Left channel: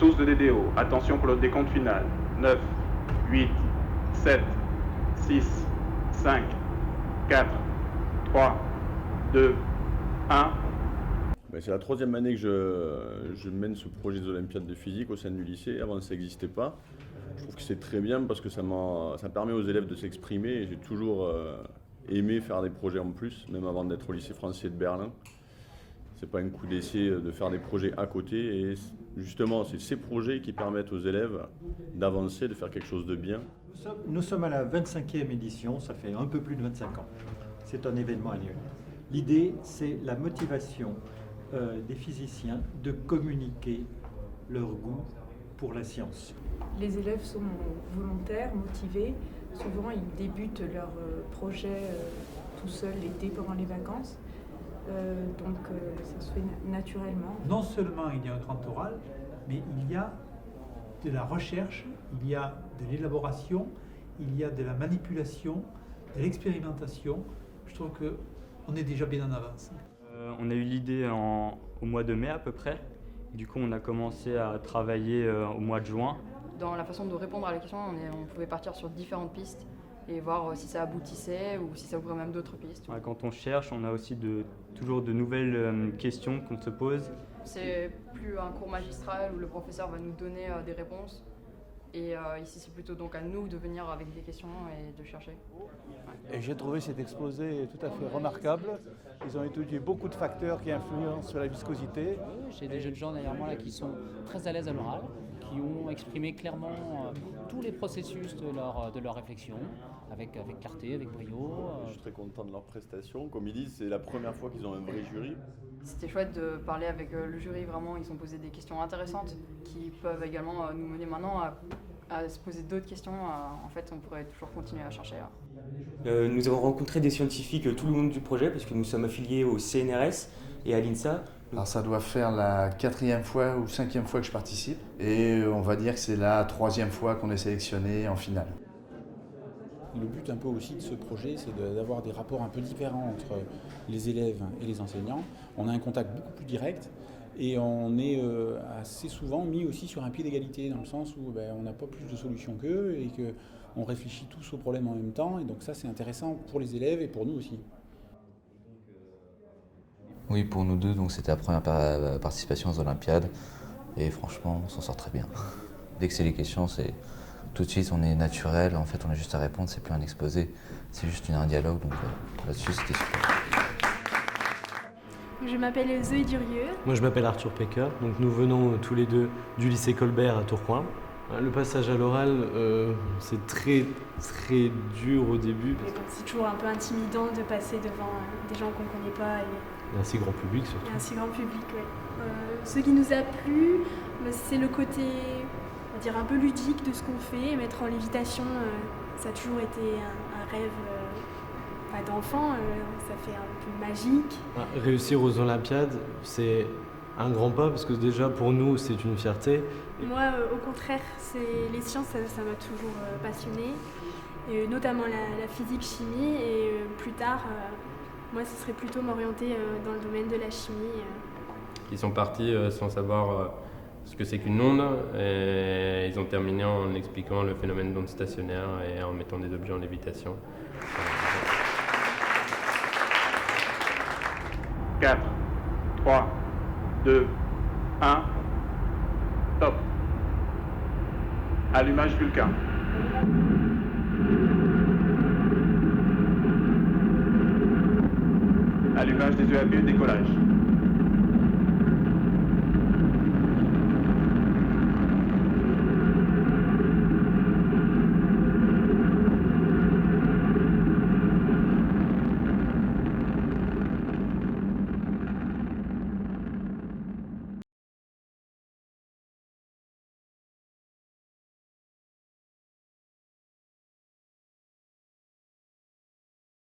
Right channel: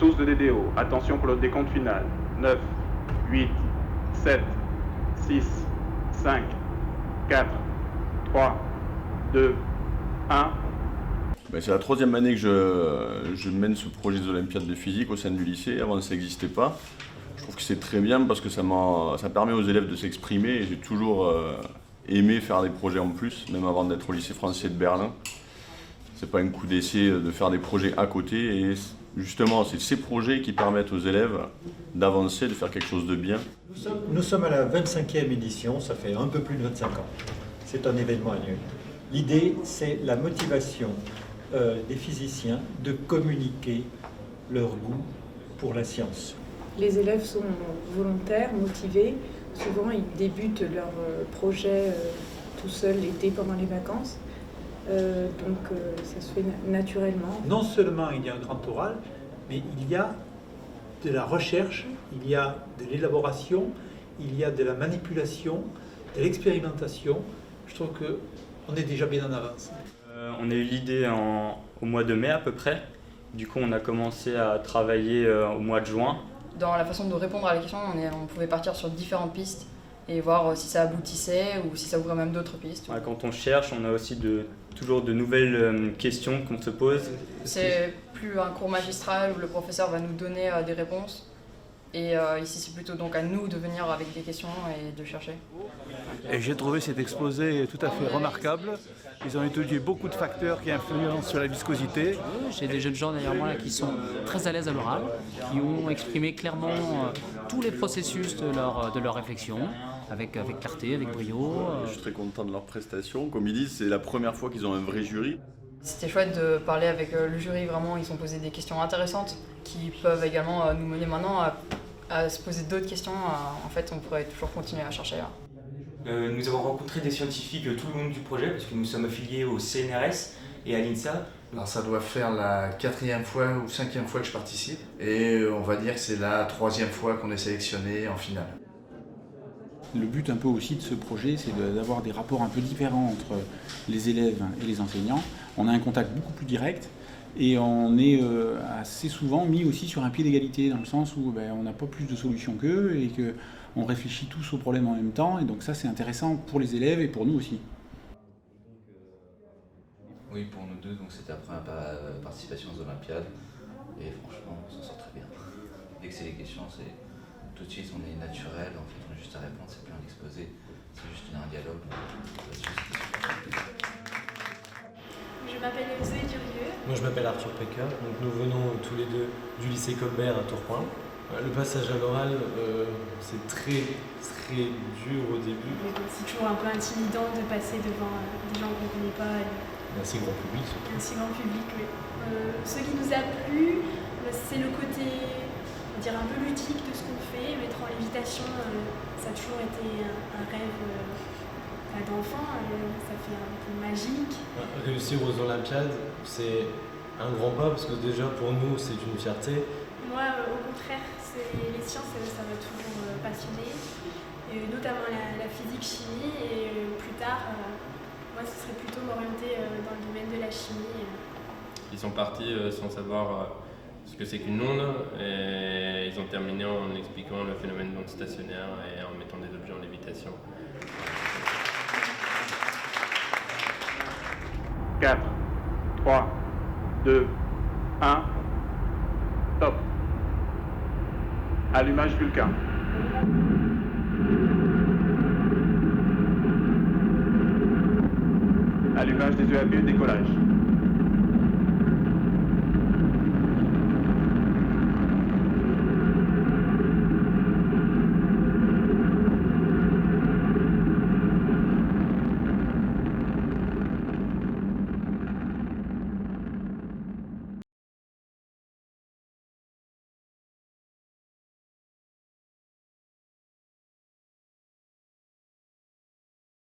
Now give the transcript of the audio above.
Tous de DDO. Attention pour le décompte final. 9, 8, 7, 6, 5, 4, 3, 2, 1. C'est la troisième année que je mène ce projet des Olympiades de physique au sein du lycée. Avant, ça n'existait pas. Je trouve que c'est très bien parce que ça permet aux élèves de s'exprimer. Et j'ai toujours aimé faire des projets en plus, même avant d'être au lycée français de Berlin. C'est pas un coup d'essai de faire des projets à côté. Et justement, c'est ces projets qui permettent aux élèves d'avancer, de faire quelque chose de bien. Nous sommes à la 25e édition, ça fait un peu plus de 25 ans. C'est un événement annuel. L'idée, c'est la motivation des physiciens de communiquer leur goût pour la science. Les élèves sont volontaires, motivés. Souvent, ils débutent leur projet tout seuls l'été pendant les vacances. Donc, ça se fait naturellement. Non seulement il y a un grand oral, mais il y a de la recherche, il y a de l'élaboration, il y a de la manipulation, de l'expérimentation. Je trouve qu'on est déjà bien en avance. On a eu l'idée au mois de mai à peu près. Du coup, on a commencé à travailler au mois de juin. Dans la façon de répondre à la question, on pouvait partir sur différentes pistes et voir si ça aboutissait ou si ça ouvrait même d'autres pistes. Quand on cherche, on a aussi toujours de nouvelles questions qu'on se pose. C'est plus un cours magistral où le professeur va nous donner des réponses. Et ici, c'est plutôt donc à nous de venir avec des questions et de chercher. Et j'ai trouvé cet exposé tout à fait remarquable. Ils ont étudié beaucoup de facteurs qui influencent sur la viscosité. J'ai des jeunes gens derrière moi là, qui sont très à l'aise à l'oral, qui ont exprimé clairement tous les processus de leur réflexion, avec clarté, avec brio. Je suis très content de leur prestation. Comme ils disent, c'est la première fois qu'ils ont un vrai jury. C'était chouette de parler avec le jury, vraiment, ils ont posé des questions intéressantes qui peuvent également nous mener maintenant à se poser d'autres questions. En fait, on pourrait toujours continuer à chercher. Nous avons rencontré des scientifiques tout le long du projet parce que nous sommes affiliés au CNRS et à l'INSA. Alors ça doit faire la 4e fois ou 5e fois que je participe et on va dire que c'est la 3e fois qu'on est sélectionné en finale. Le but un peu aussi de ce projet, c'est d'avoir des rapports un peu différents entre les élèves et les enseignants. On a un contact beaucoup plus direct et on est assez souvent mis aussi sur un pied d'égalité, dans le sens où on n'a pas plus de solutions qu'eux et qu'on réfléchit tous aux problèmes en même temps. Et donc ça, c'est intéressant pour les élèves et pour nous aussi. Oui, pour nous deux, donc c'était la première participation aux Olympiades et franchement, on s'en sort très bien. Dès que c'est les questions, c'est tout de suite, on est naturel, en fait, on a juste à répondre, c'est plus un exposé, c'est juste un dialogue, donc là-dessus, c'était super. Je m'appelle Zoé Durieux. Moi, je m'appelle Arthur Pecker, donc nous venons tous les deux du lycée Colbert à Tourcoing. Le passage à l'oral, c'est très dur au début. C'est toujours un peu intimidant de passer devant des gens qu'on ne connaît pas. Et un si grand public. Et un si grand public, oui. Ce qui nous a plu, c'est le côté, on va dire, un peu ludique de ce qu'on fait. Mettre en lévitation, ça a toujours été un rêve d'enfant, ça fait un peu magique. Réussir aux Olympiades, c'est un grand pas parce que déjà pour nous, c'est une fierté. Moi, au contraire, les sciences, ça m'a toujours passionné, et notamment la physique-chimie, et plus tard, moi, ce serait plutôt m'orienter dans le domaine de la chimie. Ils sont partis sans savoir ce que c'est qu'une onde, et ils ont terminé en expliquant le phénomène d'onde stationnaire et en mettant des objets en lévitation. 4, 3, 2, 1, top. Allumage Vulcain. Allumage des UAV, décollage.